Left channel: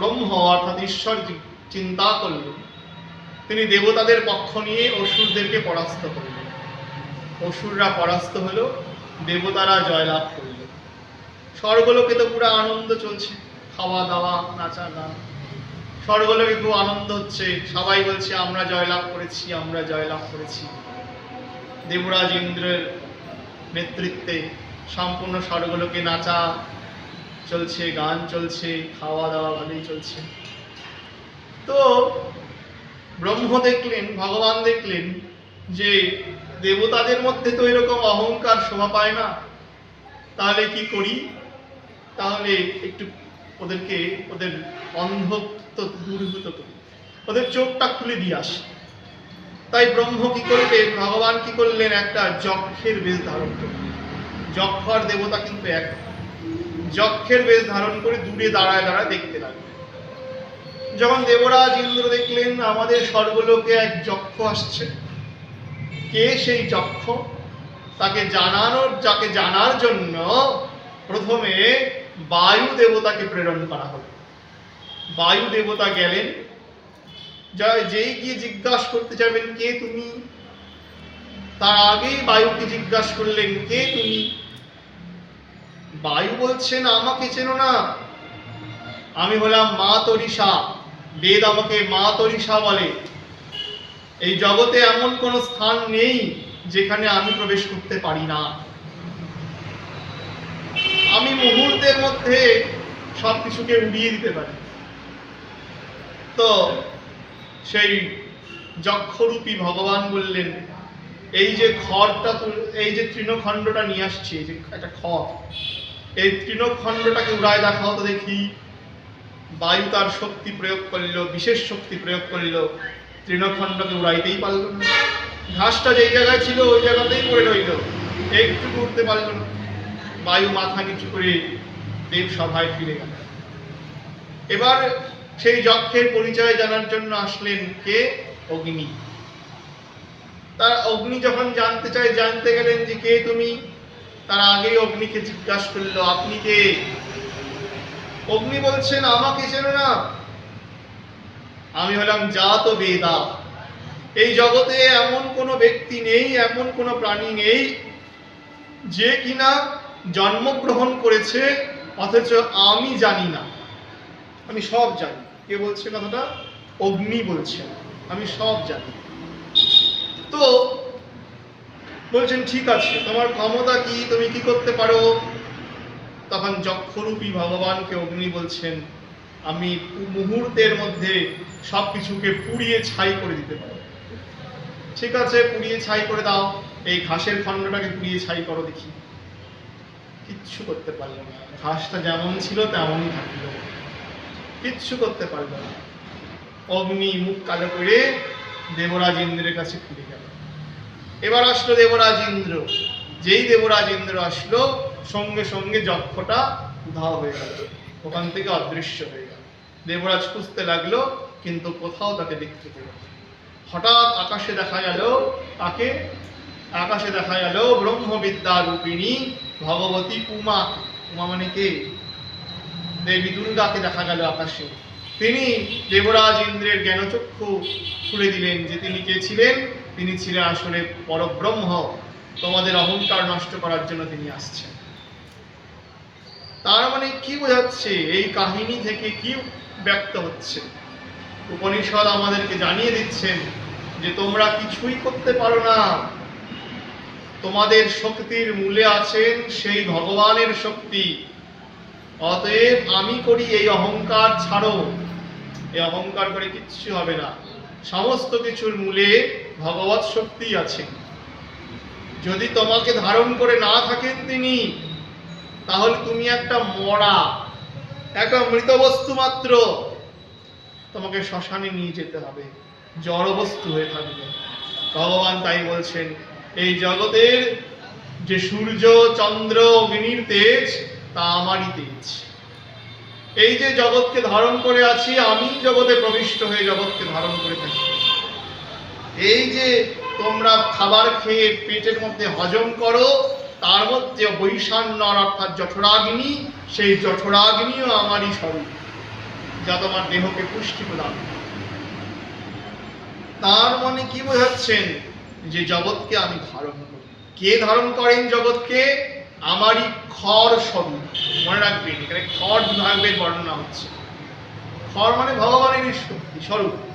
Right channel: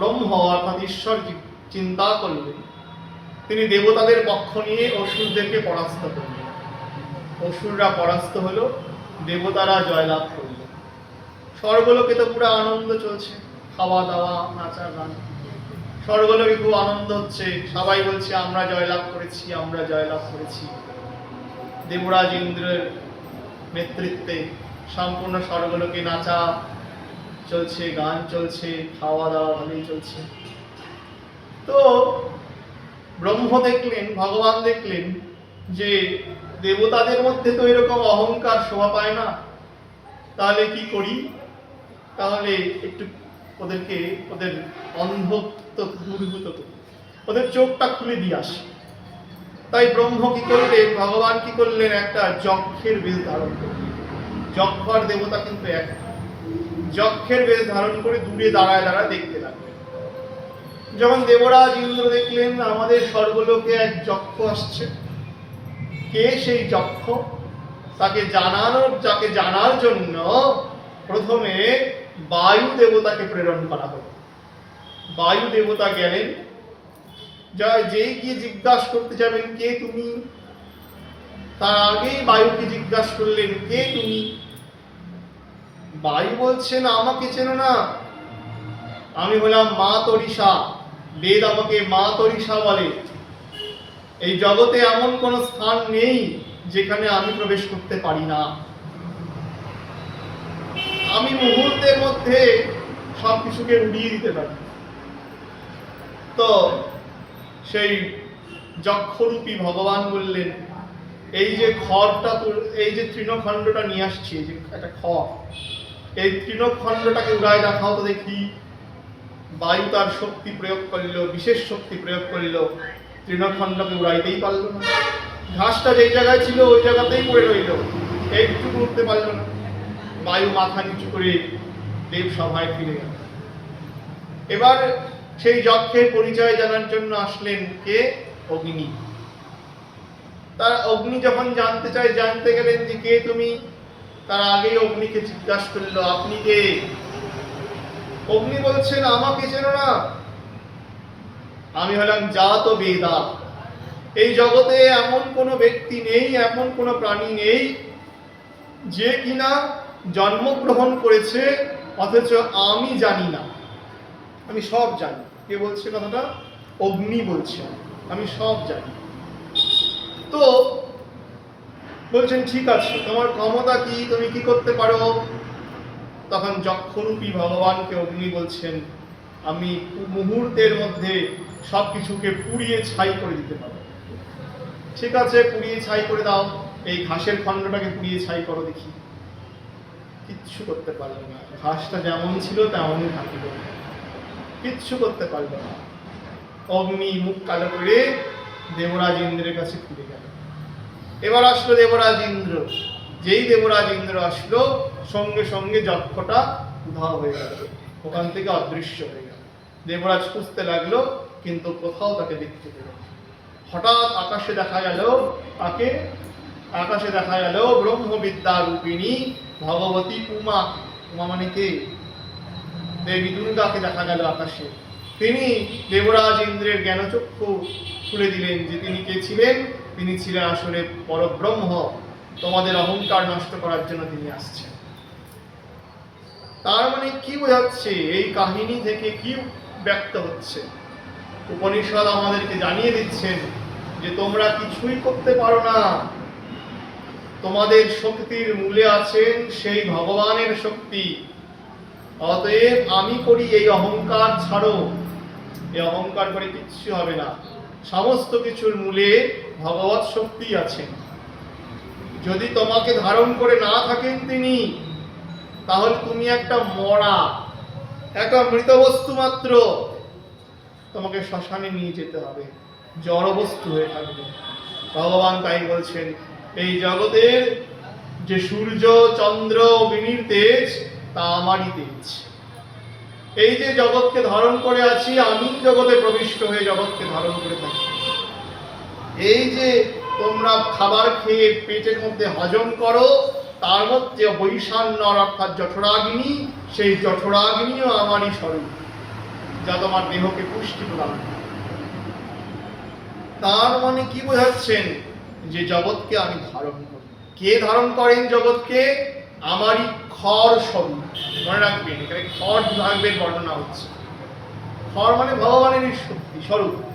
ব্রহ্ম অর্থাৎ ঈশ্বর চিন্তা করলেন, তিনি দেবতাদের পক্ষ নিয়ে অসুরদেরকে পরাস্ত করলেন। অসুররা পরাস্ত হলো, দেবতারা জয়লাভ করল। স্বর্গলোকে তো পুরো আনন্দ চলছে, খাওয়া দাওয়া নাচা গান, স্বর্গলোকে খুব আনন্দ হচ্ছে, সবাই বলছে আমরা জয়লাভ করেছি, আমরা জয়লাভ করেছি। দেবরাজ ইন্দ্রের নেতৃত্বে সম্পূর্ণ স্বর্গলোকে নাচা চলছে, গান চলছে, খাওয়া দাওয়া ভালোই চলছে। তো ব্রহ্ম দেখলেন, ভগবান দেখলেন যে দেবতাদের মধ্যে তো এরকম অহংকার শোভা পায় না, তাহলে কি করি, তাহলে একটু ওদেরকে ওদের অন্ধত্ব দূরীভূত করি, ওদের চোখটা খুলে দিয়ে আসি। তাই ব্রহ্ম কি করলেন, ভগবান কি করলেন, একটা যক্ষের বেশ ধারণ করলেন। যক্ষ আর দেবতা কিন্তু এক। যক্ষের বেশ ধারণ করে দূরে দাঁড়ায় দাঁড়ায় দেখতে লাগলেন। যখন দেবরাজ ইন্দ্র দেখলেন আমাদের স্বর্গলোকে এক যক্ষ আসছে, কে সেই যক্ষ, যাকে জানার জন্য প্রথমে বায়ু দেবতাকে প্রেরণ করা হলো। বায়ু দেবতা গেলেন, যেই গিয়ে জিজ্ঞাসা করতে যাবেন কে তুমি, তার আগেই বায়ুকে জিজ্ঞাসা করলেন কে তুমি। বায়ু বলছেন আমাকে চেনো না, আমি হলাম মা তরিষা, বেদ আমাকে মা তরিষা বলে। এই জগতে এমন কোন স্থান নেই যেখানে আমি প্রবেশ করতে পারি না, আমি মুহূর্তের মধ্যে সবকিছুকে উড়িয়ে দিতে পারি। তো সেই যক্ষরূপী ভগবান বললেন এই যে খড়টা, এই যে তৃণখণ্ডটা নিয়ে আসছি, যে একটা খড়, এই তৃণখণ্ডটাকে উড়ায় দেখাও তো দেখি। বায়ু তার শক্তি প্রয়োগ করল, বিশেষ শক্তি প্রয়োগ করল, তৃণখণ্ডকে উড়াইতেই পারল না। ঘাসটা যেই জায়গায় ছিল ওই জায়গাতেই পড়ে রইল, একটু উঠতে পারল না। বায়ু মাথা নিচু করে দেব সভায় ফিরে গেল। এবার সেই যক্ষের পরিচয় জানার জন্য আসলেন কে, অগ্নি। তার অগ্নি যখন জানতে চায়, জানতে গেলেন যে কে তুমি, তার আগেই অগ্নিকে জিজ্ঞাসা করলো আপনি কে। অগ্নি বলছেন আমাকে চেনো না, আমি হলাম জাত বেদা। এই জগতে এমন কোনো ব্যক্তি নেই, এমন কোনো প্রাণী নেই যে কিনা জন্মগ্রহণ করেছে অথচ আমি জানি না। আমি সব জানি। কে বলছে কথাটা? অগ্নি বলছে আমি সব জানি। তো বলছেন ঠিক আছে, তোমার ক্ষমতা কি, তুমি কি করতে পারো? তখন যক্ষরূপী ভগবানকে অগ্নি বলছেন আমি মুহূর্তের মধ্যে সবকিছুকে পুড়িয়ে ছাই করে দিতে পারো। ঠিক আছে, পুড়িয়ে ছাই করে দাও, এই ঘাসের খণ্ডটাকে পুড়িয়ে ছাই করো দেখি। কিচ্ছু করতে পারলো না, ঘাসটা যেমন ছিল তেমনই থাকলো, কিচ্ছু করতে পারলো না। অগ্নি মুখ কালো করে দেবরাজ ইন্দ্রের কাছে ফিরে গেল। এবার আসলো দেবরাজ ইন্দ্র। যেই দেবরাজ ইন্দ্র আসলো সঙ্গে সঙ্গে যক্ষটা উধাও হয়ে গেল, ওখান থেকে অদৃশ্য হয়ে গেল। দেবরাজ খুঁজতে লাগলো কিন্তু কোথাও তাকে দেখতে পেল। হঠাৎ আকাশে দেখা গেল তাকে, আকাশে দেখা গেল ব্রহ্মবিদ্যা রূপিণী ভগবতী উমা। উমা মানে কে? দেবী দুর্গাকে দেখা গেল আকাশে। তিনি দেবরাজ ইন্দ্রের জ্ঞানচক্ষু খুলে দিলেন যে তিনি কে ছিলেন। তিনি ছিলেন আসলে পরব্রহ্ম, তোমাদের অহংকার নষ্ট করার জন্য তিনি আসছেন। তার মানে কি বোঝাচ্ছে, এই কাহিনী থেকে কি ব্যক্ত হচ্ছে? উপনিষদ আমাদেরকে জানিয়ে দিচ্ছেন যে তোমরা কিছুই করতে পারো না, তোমাদের শক্তির মূলে আছেন সেই ভগবানের শক্তি। অতএব আমি করি এই অহংকার ছাড়ো, এই অহংকার করে কিচ্ছু হবে না। সমস্ত কিছুর মূলে ভগবৎ শক্তি আছেন। যদি তোমাকে ধারণ করে না থাকেন তিনি, তাহলে তুমি একটা মরা, একটা মৃত বস্তু মাত্র। তোমাকে শ্মশানে নিয়ে যেতে হবে, জড় বস্তু হয়ে থাকবে। ভগবান তাই বলছেন এই জগতের যে সূর্য চন্দ্র অগ্নির তেজ তা আমারই তেজ। এই যে জগৎকে ধারণ করে আছি, আমি জগতে প্রবিষ্ট হয়ে জগৎকে ধারণ করে থাকি। এই যে তোমরা খাবার খেয়ে পেটের মধ্যে হজম করো, তার মধ্যে বৈষান্যর অর্থাৎ জঠরাগ্নি, সেই জঠরাগ্নিও আমারই স্বরূপ। যা তোমার দেহকে পুষ্টি প্রদান করে। তার মানে কি বোঝাচ্ছেন? যে জগৎকে আমি ধারণ করি। কে ধারণ করেন জগৎকে? আমারই খর স্বরূপ। মনে রাখবেন, এখানে খর বিভাগের বর্ণনা হচ্ছে। খর মানে ভগবানেরই শক্তি স্বরূপ।